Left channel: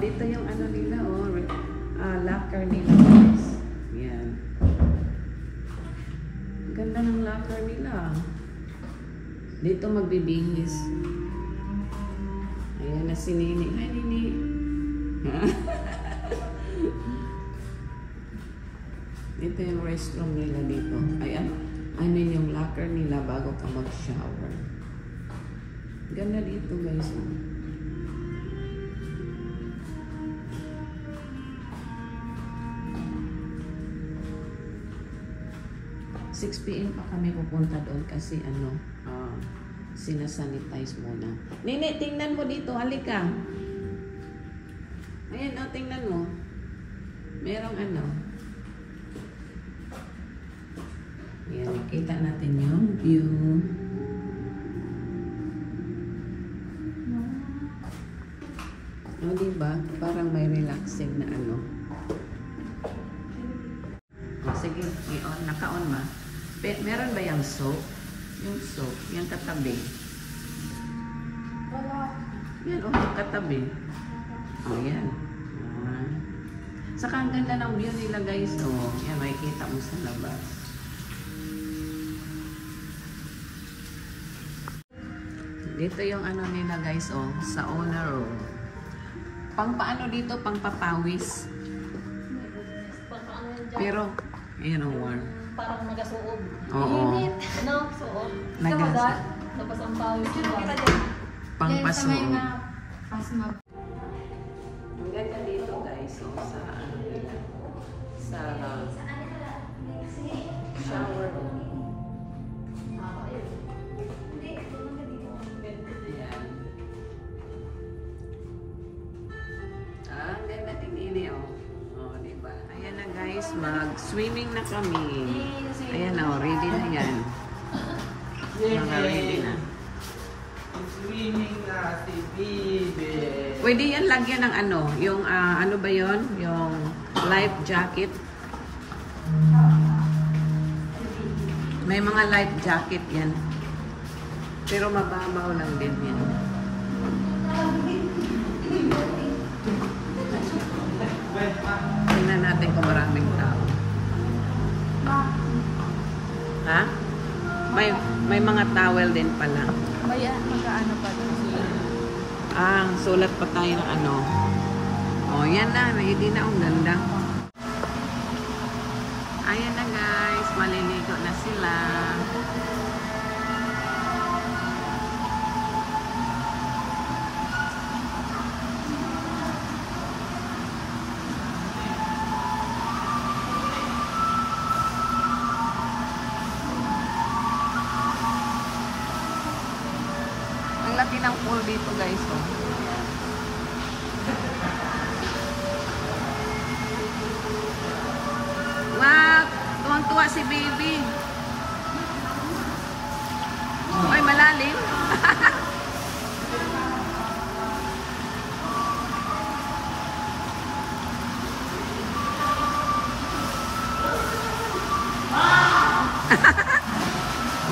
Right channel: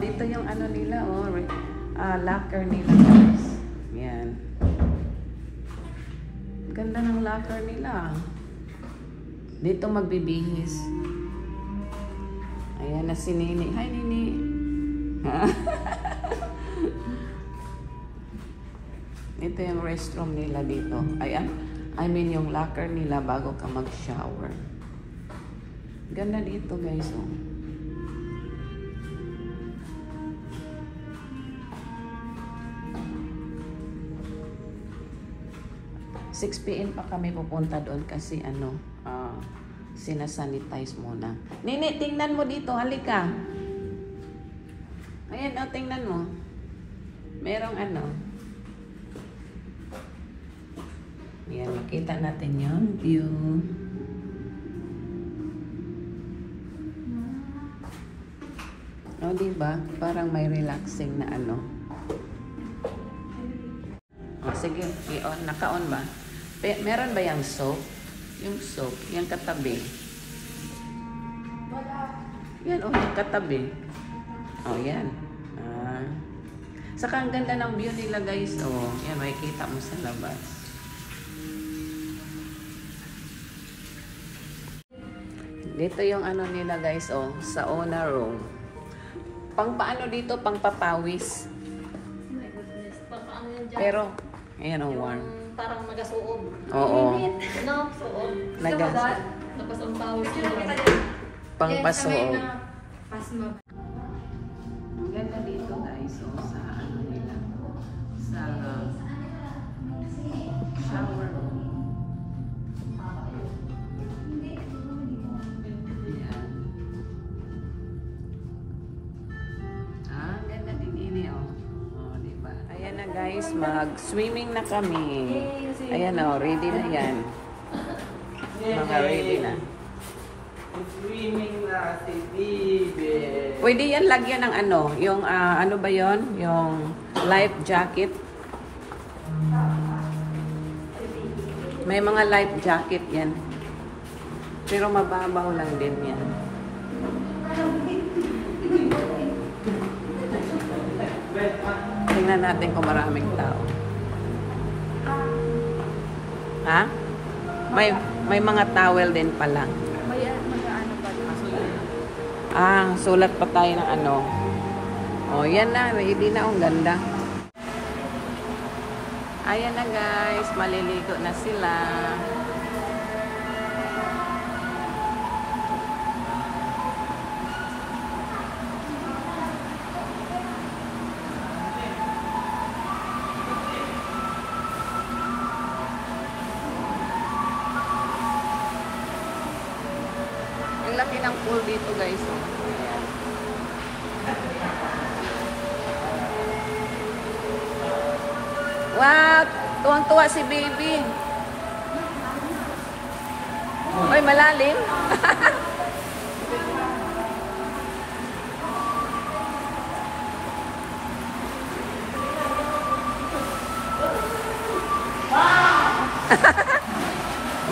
dito yung ano nila, oh, locker nila, guys. Yan. Ganda ng locker nila. Dito magbibihis. Ayan na si Nini. Hi, Nini. Ito yung restroom nila dito. I mean yung locker nila bago ka mag-shower. Ganda dito, guys. 6 PM pa kami pupunta doon kasi ano, sinasanitize muna. Nini, tingnan mo dito. Halika. Ayan, oh, tingnan mo. Merong ano. Ayan, nakita natin yung view. Oh, diba? Parang may relaxing na ano. Oh, sige. I-on. Naka-on ba? Meron ba yung soap? Yung soap. Yung katabi. Wala. Yan, oh, yung katabi. Oh, yan. Saka ang ganda ng view nila, guys. Oh, yan, makikita mo sa labas. Dito yung ano nila, guys, oh, sa owner room. Pang paano dito? Pang papawis. Pero, ayan ang warm. Parang nagasuob. Oo. No, suob. Nagpasong pang pasuob. Ang ganda dito, guys. So, sa ano nila. Sa shower room. Ayan. Ang ganda din ini, oh. Oh, diba? Ayan na, guys. Mag-swimming na kami. Ayan, oh. Ready na yan. Mga ready na. Swimming na si Bibi. Pwede yan lagyan ng ano, yung ano ba yon, yung life jacket. May mga life jacket yan. Pero mababaw lang din yan. Tingnan natin kung maraming tao. Ha? May mga towel din pala. Sulat pa tayo ng ano. Oh, yan na. Ready na. Ang ganda. Ayan na, guys. Maliligo na sila. Ang laki ng pool dito, guys. Oh. Ayan. Wow! Tuwang-tuwa si baby. Oy, malalim.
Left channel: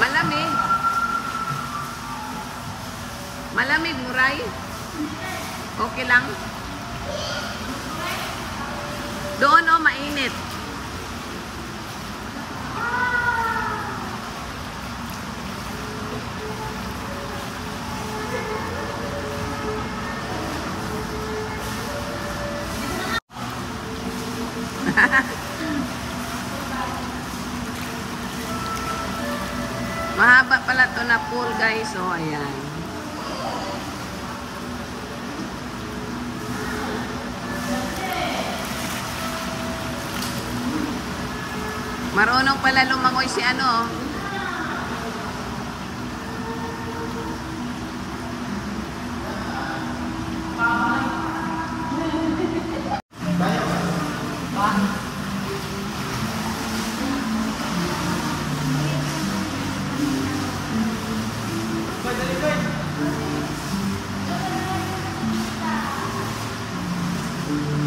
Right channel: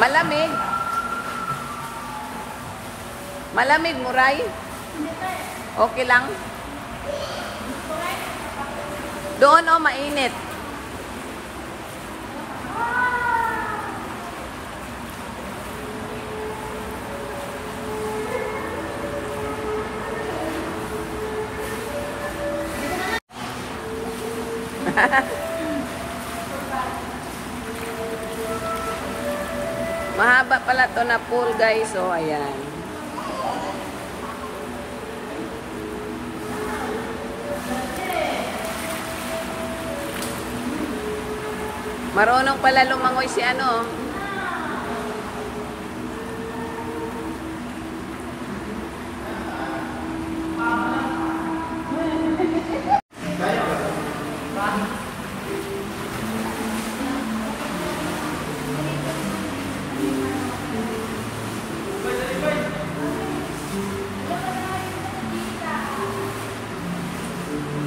Malamig. Malamig, Muray. Okay lang. Doon, oh, mainit. Mahaba pala to na pool, guys. So, ayan. Marunong pala lumangoy si ano.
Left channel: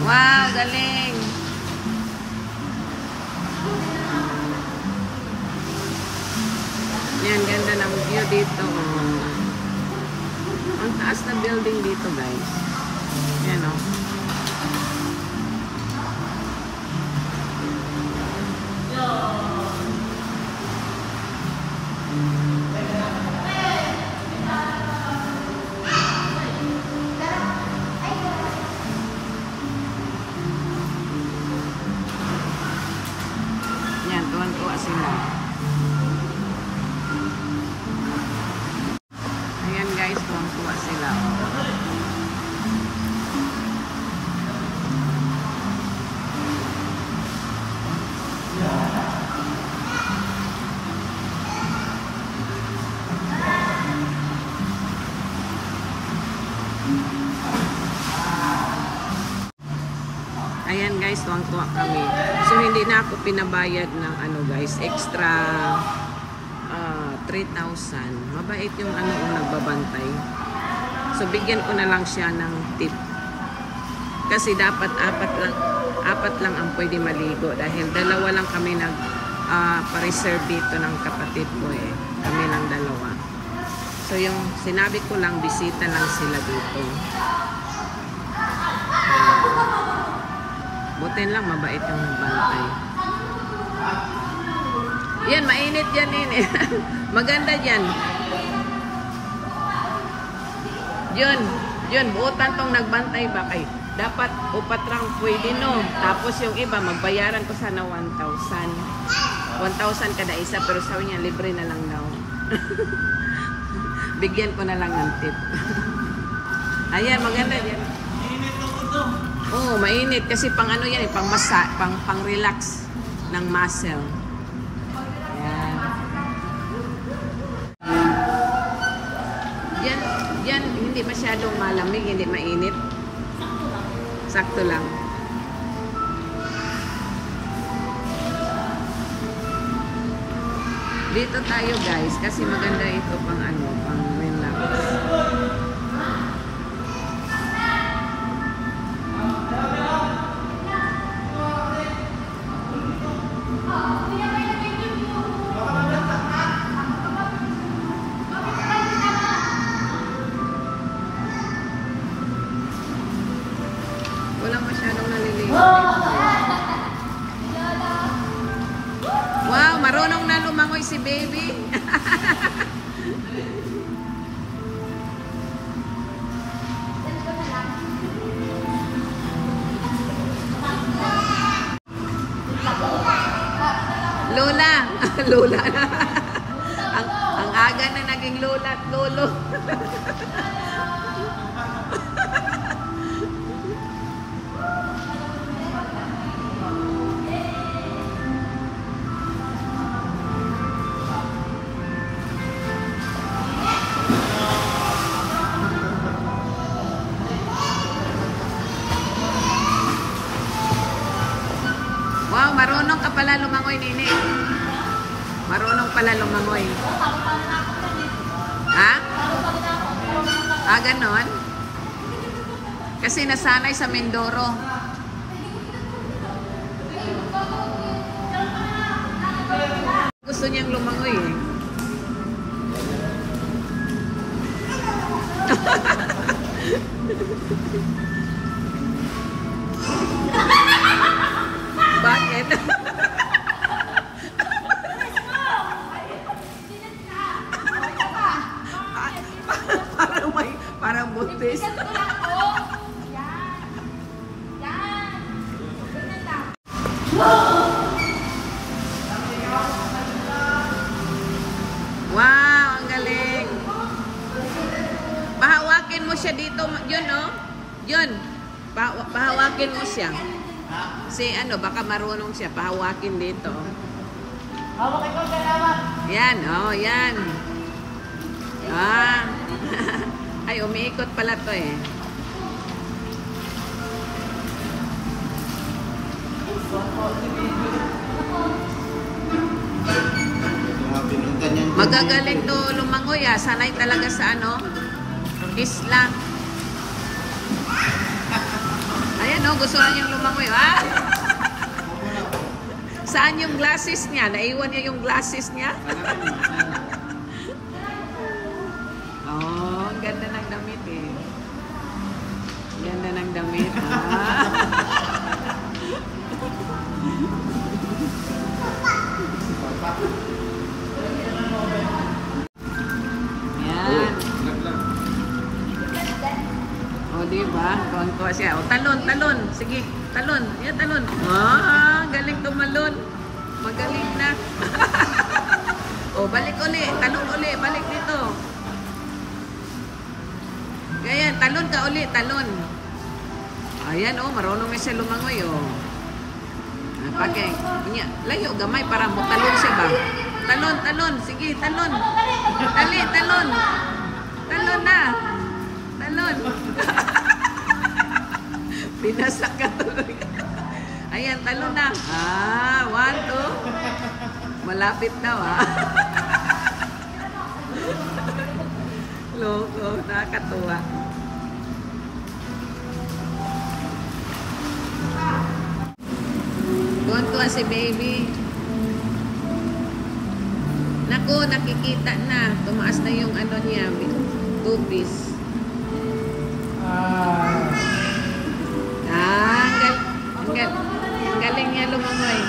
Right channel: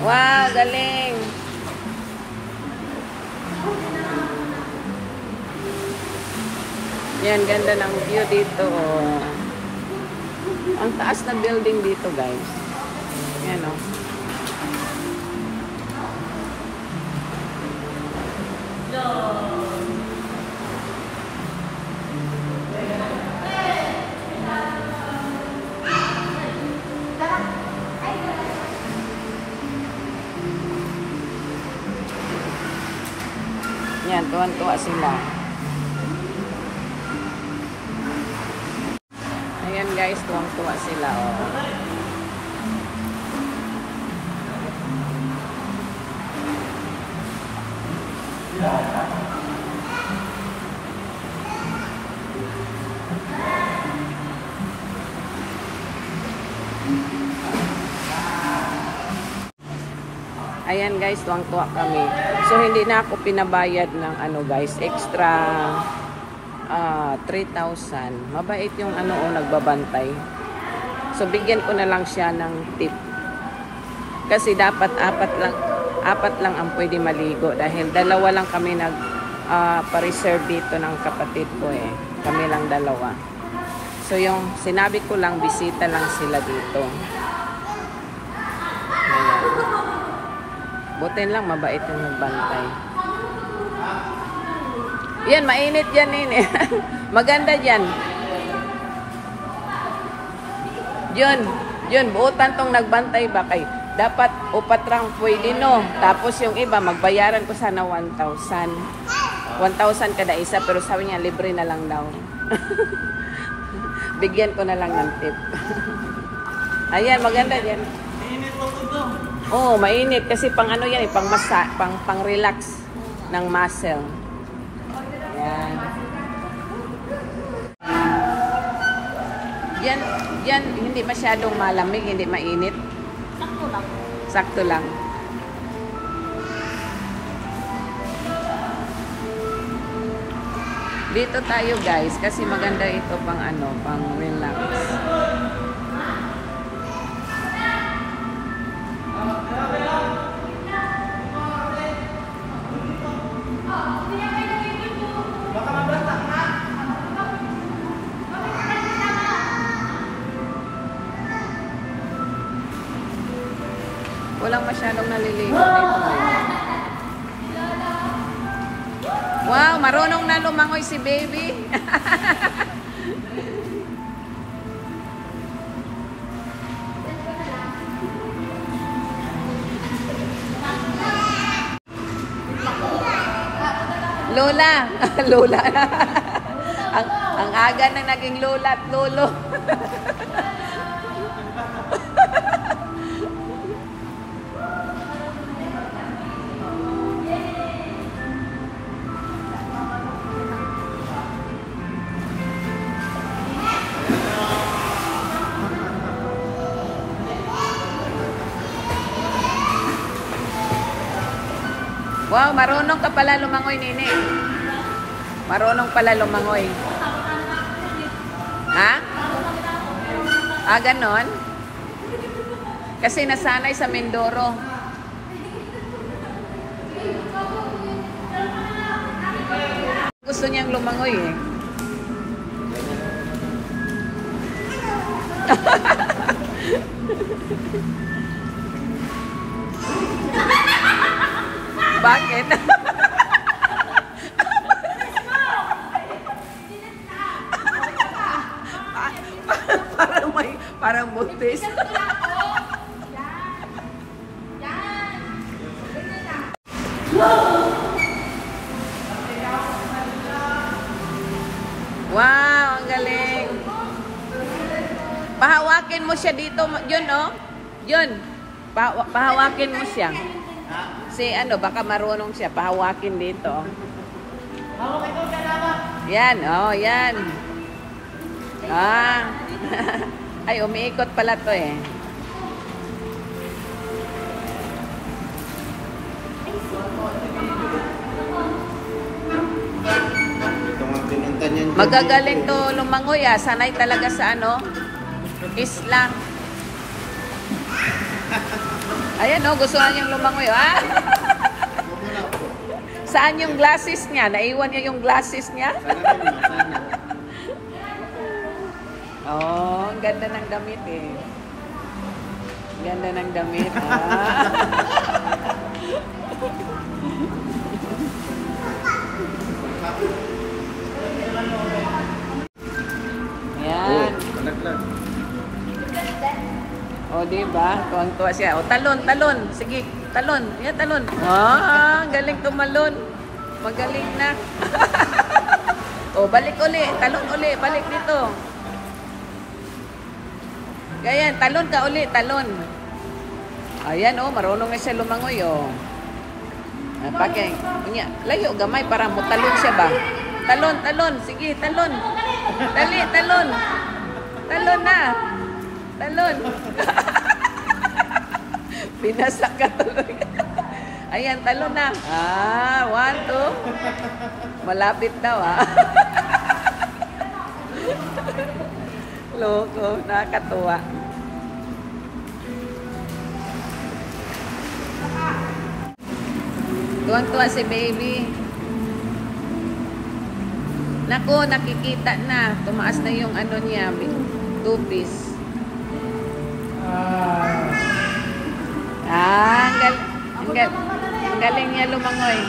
Wow, galing. Yan, ganda ng view dito. Ang taas na building dito, guys. Yan, oh. Yan, tuwan-tuwa sila. Ayan guys, tuwang-tuwa sila. Oh. Ayan guys, tuwang-tuwa kami. So hindi na ako pinabayad ng ano guys, extra 3,000. Mabait yung ano nagbabantay. So bigyan ko na lang siya ng tip. Kasi dapat apat lang ang pwede maligo dahil dalawa lang kami nag pa-reserve dito ng kapatid ko eh. Kami lang dalawa. So yung sinabi ko lang, bisita lang sila dito. Butin lang, mabait yung nagbantay. Yan, mainit yan eh. Maganda yan. Yun, buutan tong nagbantay ba kay? Dapat upat lang pwede no. Tapos yung iba, magbayaran ko sana 1,000. 1,000 kada isa, pero sabi niya, libre na lang daw. Bigyan ko na lang ng tip. Ayan, maganda yan. Oh, mainit kasi pang ano yan, pang relax ng muscle. Yan. Yan, hindi masyadong malamig, hindi mainit. Sakto lang. Dito tayo guys kasi maganda ito pang ano, pang relax. Walang masyadong naliligo dito ngayon. Wow, marunong na lumangoy si baby. Lola. Lola. ang aga na naging lola at lolo. Wow, marunong ka pala lumangoy, Nini. Marunong pala lumangoy. Ha? Ah, ganon? Kasi nasanay sa Mindoro. Gusto niyang lumangoy eh. Bakit? parang buntis. Wow, ang galing. Pahawakin mo siya dito, yun oh. Yun. Pahawakin mo siya. Si ano, baka marunong siya. Pahawakin dito. Yan, oh, yan. Ah. Ay, umiikot pala to eh. Magagaling to lumangoy ah. Sanay talaga sa ano, isla. Ayan oh, gusto na niyang lumangoy ah. Saan yung glasses niya? Naiwan niya yung glasses niya? Oh, ang ganda ng damit eh. Ganda ng damit, ah. Yan. O, diba? Tuwang-tuwa siya. O, talon, talon. Sige, talon. Yan, talon. Ah, galing tumalon. Magaling na. O, balik uli. Talon uli. Balik dito. Ganyan, talon ka uli. Talon. Ayan, o. Marunong na siya lumangoy, o. Pake. Layo, gamay para mo talon siya ba? Talon, talon. Sige, talon. Dali, talon. Talon na. Talon. Pinasak ka tuloy. Ayan, talon na. Ah, 1, 2. Malapit daw, ah. Loko, nakakatuwa. Tuwan-tuwa si baby. Naku, nakikita na. Tumaas na yung ano niya. 2-piece. Ang galing niya lumangoy.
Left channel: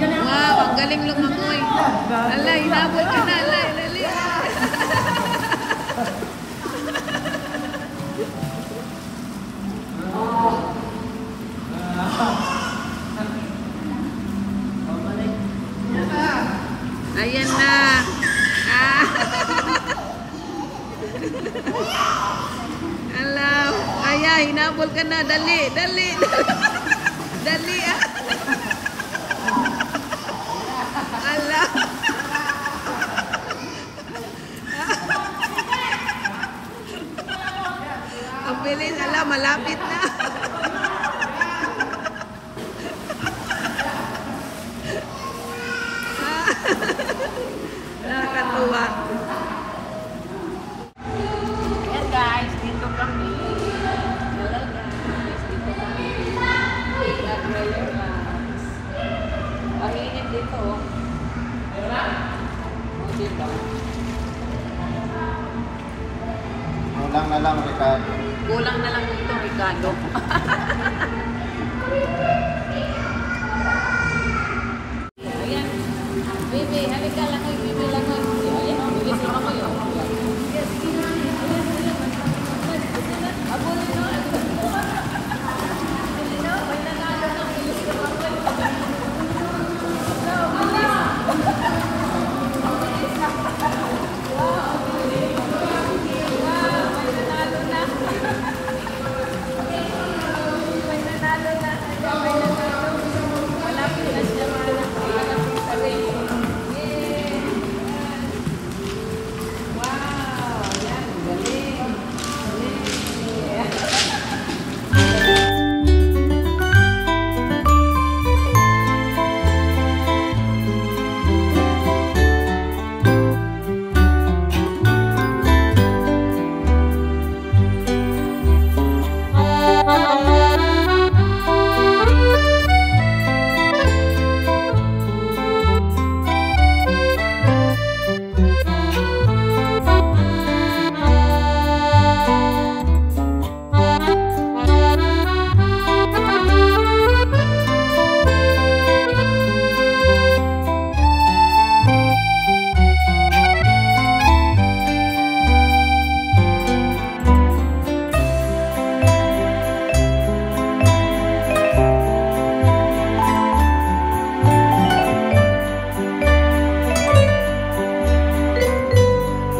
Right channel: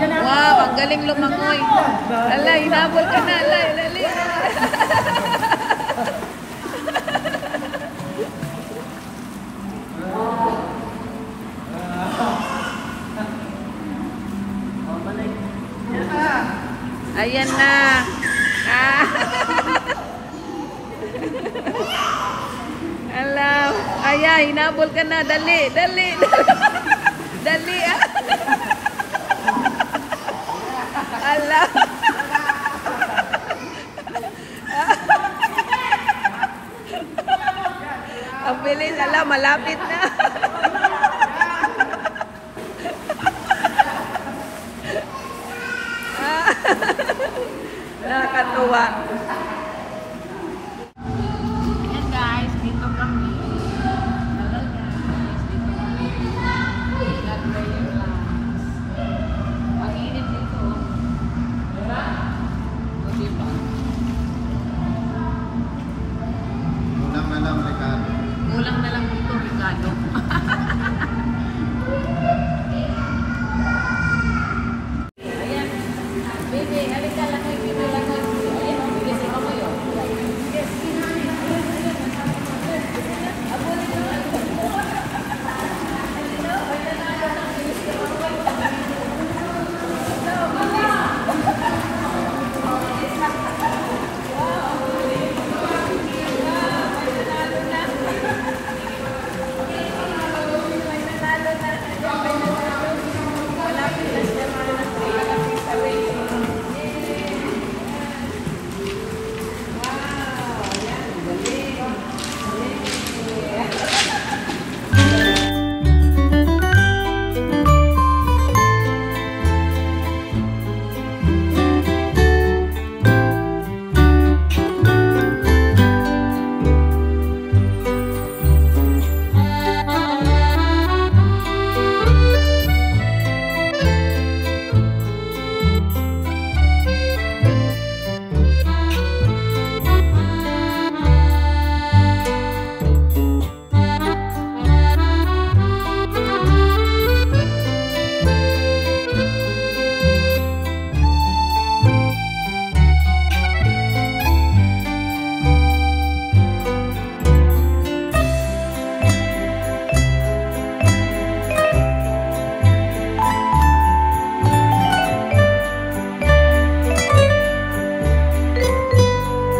Wow, ang galing lumangoy. Ala, hinabol ka na. Ala, alali. Ayan na. Ah. Alam. Aya, hinabol ka na. Dali, dali. Dali, ah. Alam. Ang bilis. Alam, malapit na. Nakakatuwa. Yan guys, dito kami. Hello guys, dito kami. Nag-relax. Ang init dito. O, diba? Kulang na lang, Ricardo. Kulang na lang dito, Ricardo.